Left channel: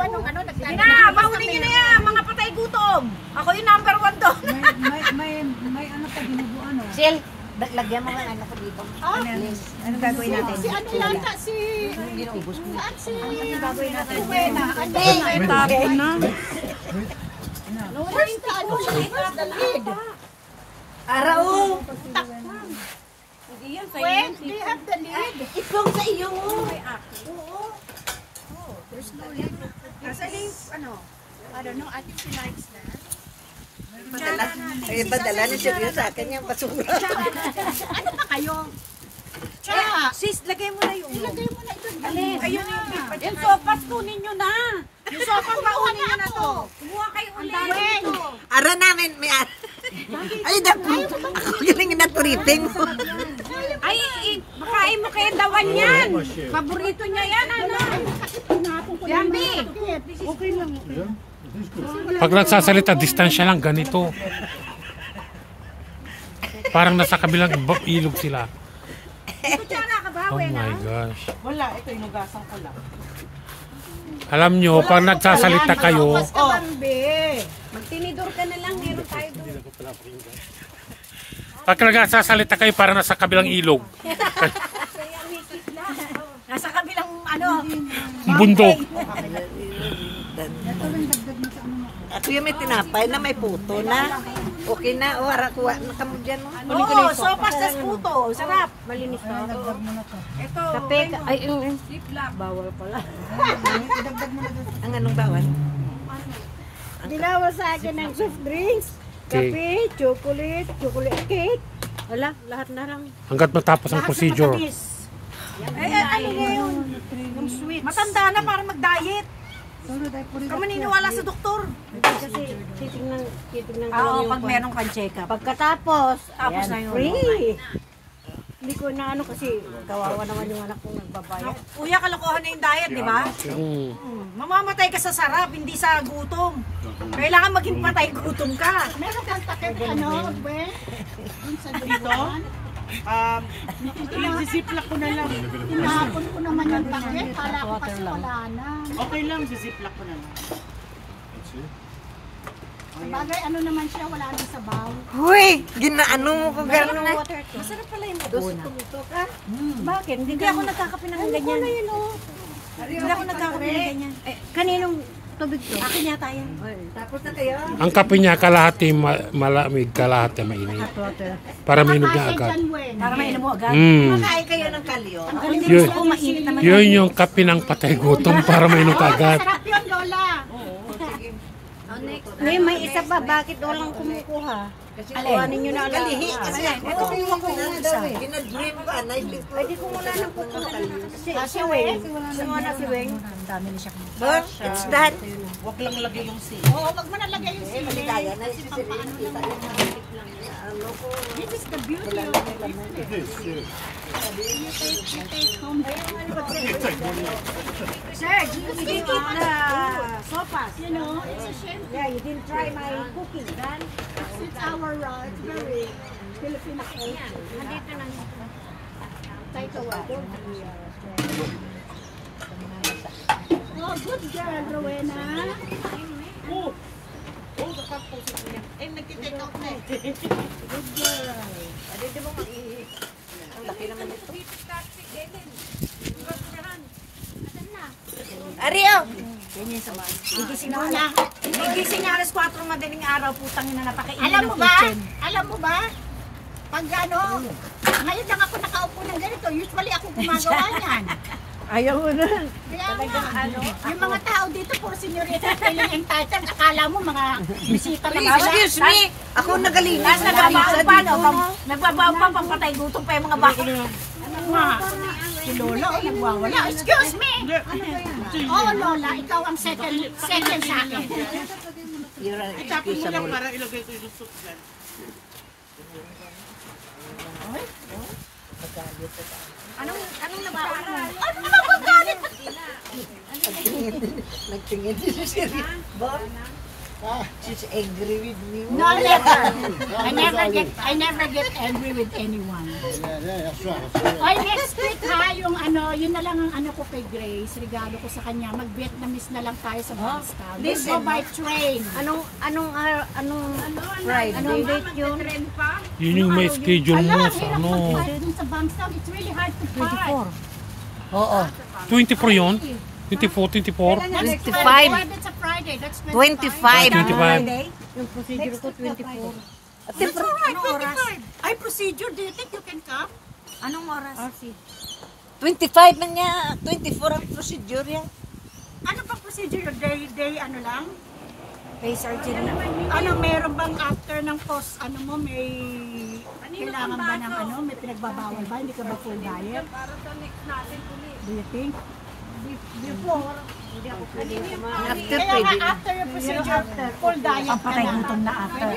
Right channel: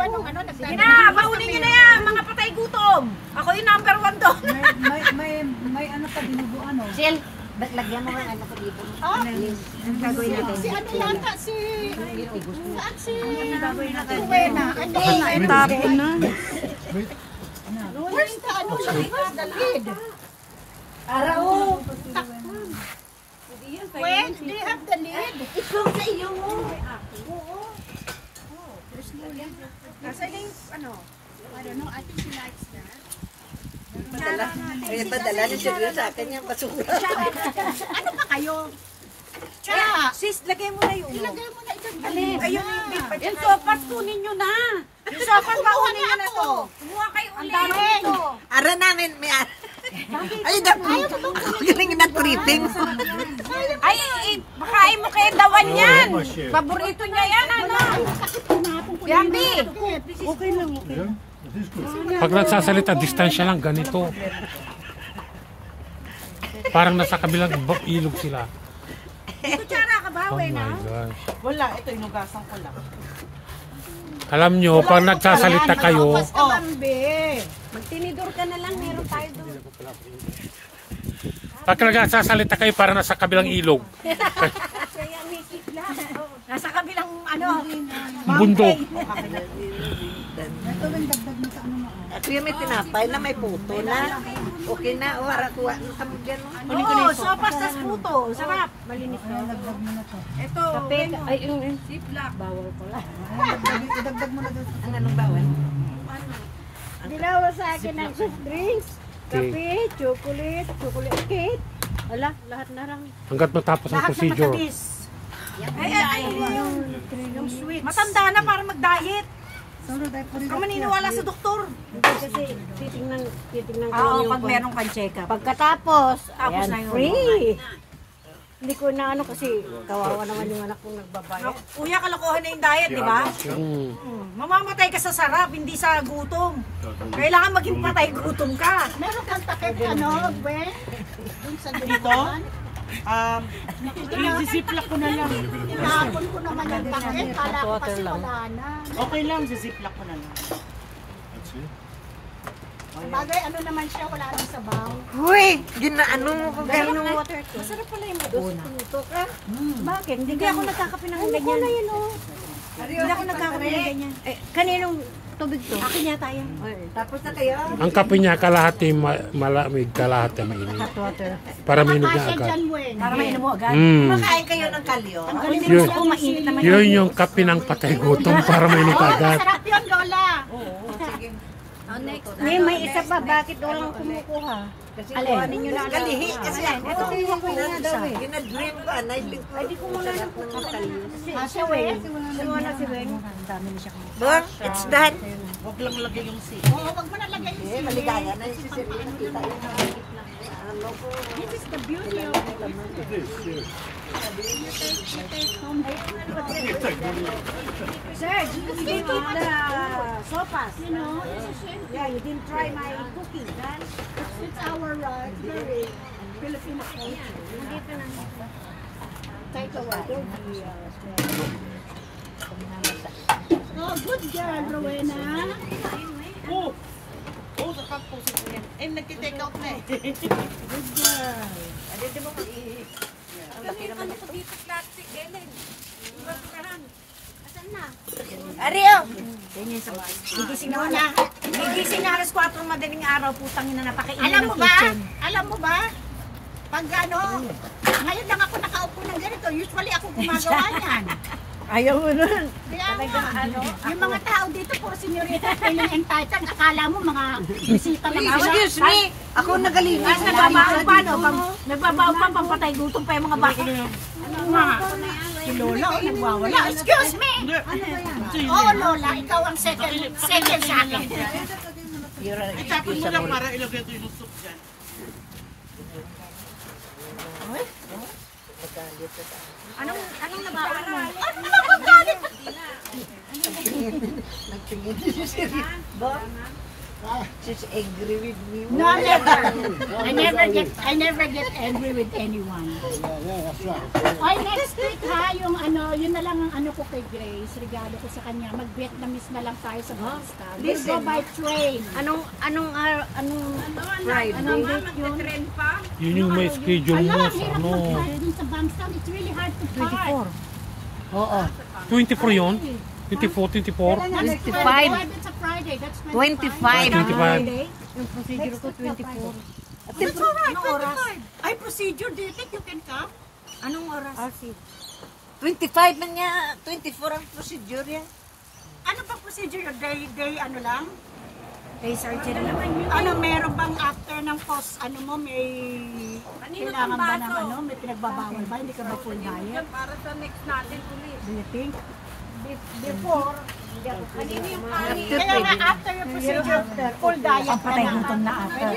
ba nung ano, Sige na, baunin nyo na yan, mga patay gutom. Ako yung number 1 doon. May ano pa ginubo ano. Sil, lagyan mo ng anak dito. Ano gagawin natin? Si ano yata, saan si Buena? Ano Tapon na. where's the ano, where's the lead? Arao. When do you have the lead? Itlog sa iyo mo. Oo. There's no lead. Kasi ano, I don't know, I think she likes that. Padala na siya sa akin yung basura. Ano pa kayo? Cha! Sis, lagay mo na yung Ilagay mo na ito. ayun na yung big pa. Yung sopas, kunin nyo na. Yung sopas, baunin nyo na to. Kumuha kayo ulit. Ara namin, may ara. Ay, galing na tripping. Ay, makain mo kaya dawan yan. Paborito niya yan, ano? Yambi. Okay lang. Pag nagsasalita, distansya lang, ganito. Parang nasa kabilang ilog sila. Kutsara ka ba? Oh my gosh. Wala, ito inugasan ko lang. Alam nyo, pag nagsasalita kayo, Magtinidor ka na lang, meron tayo doon. pag nagsasalita kayo, parang nasa kabilang ilog. Nasa kabilang, ano, Bundok. Ako yung may tinapay na may puto na. Okay na, o hara kuha mo kamo dyan. oo, sopas tas puto. Sarap. Malinis na. Ito, ay, yung siplak. Bawal pala. Ang anong bawal? Dinawa sa akin ng soft drinks, kape, chocolate cake. Wala, lahat na lang. Hanggat matapos ang Lahat na procedure. matamis. Ay, ano yun? Yung sweet. Matanda na para mag-diet. Ka maniniwala sa doktor. Kasi titingnan Oo, pag meron kang check-up. Pagkatapos, Tapos ayan, na yun. free. Hindi ko na ano kasi kawawa naman yung anak kong nagbabayad. Kuya, kalokohan na yung diet, di ba? Mamamatay ka sa sarap, hindi sa gutom. Kailangan maging patay gutom ka. Meron kang takip ano, Gwen? Dun sa dito? Zisiplak ko na lang. Tinapon ko naman yung takip. Kala ko kasi wala na. Okay lang, zisiplak ko na lang. Bagay ano naman siya, wala nang sabaw. Hoy! Ginaano mo kung gano'n? Masarap pala yung maguna. Bakit? Hindi ako nagkakape ng ganyan. Hindi ako nagkakape ng ganyan. Kaninong tubig to? Akin yata yan. Tapos na kayo? Ang kape niya, kalahati malamig, kalahati mainit. Para mainit na agad. Para mainom mo agad. Makain kayo ng kalyo. Ang galing naman ako, mainit naman Yun yung kape ng patay gutom para mainit agad. Sarap yun, Lola. Ngayon may isa pa, bakit walang kumukuha? Alin? Ninyo na Kalihi kasi Ito ko yung ginadream ba? Naibig ko. Pwede ko muna ng kalyo. Si Weng. si Weng. Look, it's that. Huwag lang lagay yung si. Oo, wag mo nalagay yung sili. Maligaya na si Siri. Kita yung ano ko. This is the beauty of it. Sir, you didn't eat the sopas. You know, it's a shame. Yeah, you didn't try my cookie. It's our it's very Filipino culture. Nandito na nito. Take a while. Oh, good girl, Rowena. Oh! Oh, nakapusok ko yan. Eh, nagtitake out na eh. Good girl. Hindi mo mag-ihis. Ang laki naman ito. Ariyo! Ganyan sa bahay. Gigising na. Gigising na alas 4 madaling araw, putang ina napakainin Alam ng mo ba? kitchen. Alam mo ba? Pag ano, ngayon lang ako nakaupo ng ganito. Usually ako gumagawa niyan. Ayaw mo nun. Kaya nga, yung mga tao dito, puro senyorita, feeling entitled. Akala mo mga bisita lang sila. Excuse me! Ako nagalinis na Nagbabaw pa, dito. no? Nagbabaw pa, pampatay gutom pa yung mga baka. Si Lola, oh, nagwawala. Excuse me! Oo, Lola, ikaw ang second sa akin. You're an Itapon mo excuse lang mo. para ilagay ito yung soup dyan. Anong nabaon mo? Ano naman magalit? Nagtingin si Siri. Ba? She's angry with me. No, never. I never get angry with anyone. Ay, next week ha, yung ano, yun na lang ang ano ko kay Grace, regalo ko sa kanya. Mag-Vietnamese na lang tayo sa Bangstown. Let's go by train. Anong Friday? Anong date yun? Yun yung may schedule mo Ala, sa hirap ano. mag-fly dun sa Bangstown. It's really hard to fly. 24. Oo. 24 yun? 24, 24? That's 25. 12 it's a Friday. That's 25. 25. Yung procedure ko 24. That's alright, 25. Ay, procedure, do you think you can come? Anong oras? Ah, si. 25 man niya. 24 ang procedure yan. Ano bang procedure? Day, ano lang? Day surgery. Ano, meron bang after ng post, ano mo, may kailangan ba ng ano, may pinagbabawal ba? Hindi ka ba full diet? Para sa next natin ulit. Do you think? Before, hindi ako pwede kumain. Kaya nga after your procedure, full diet ka na. Patay gutom na after.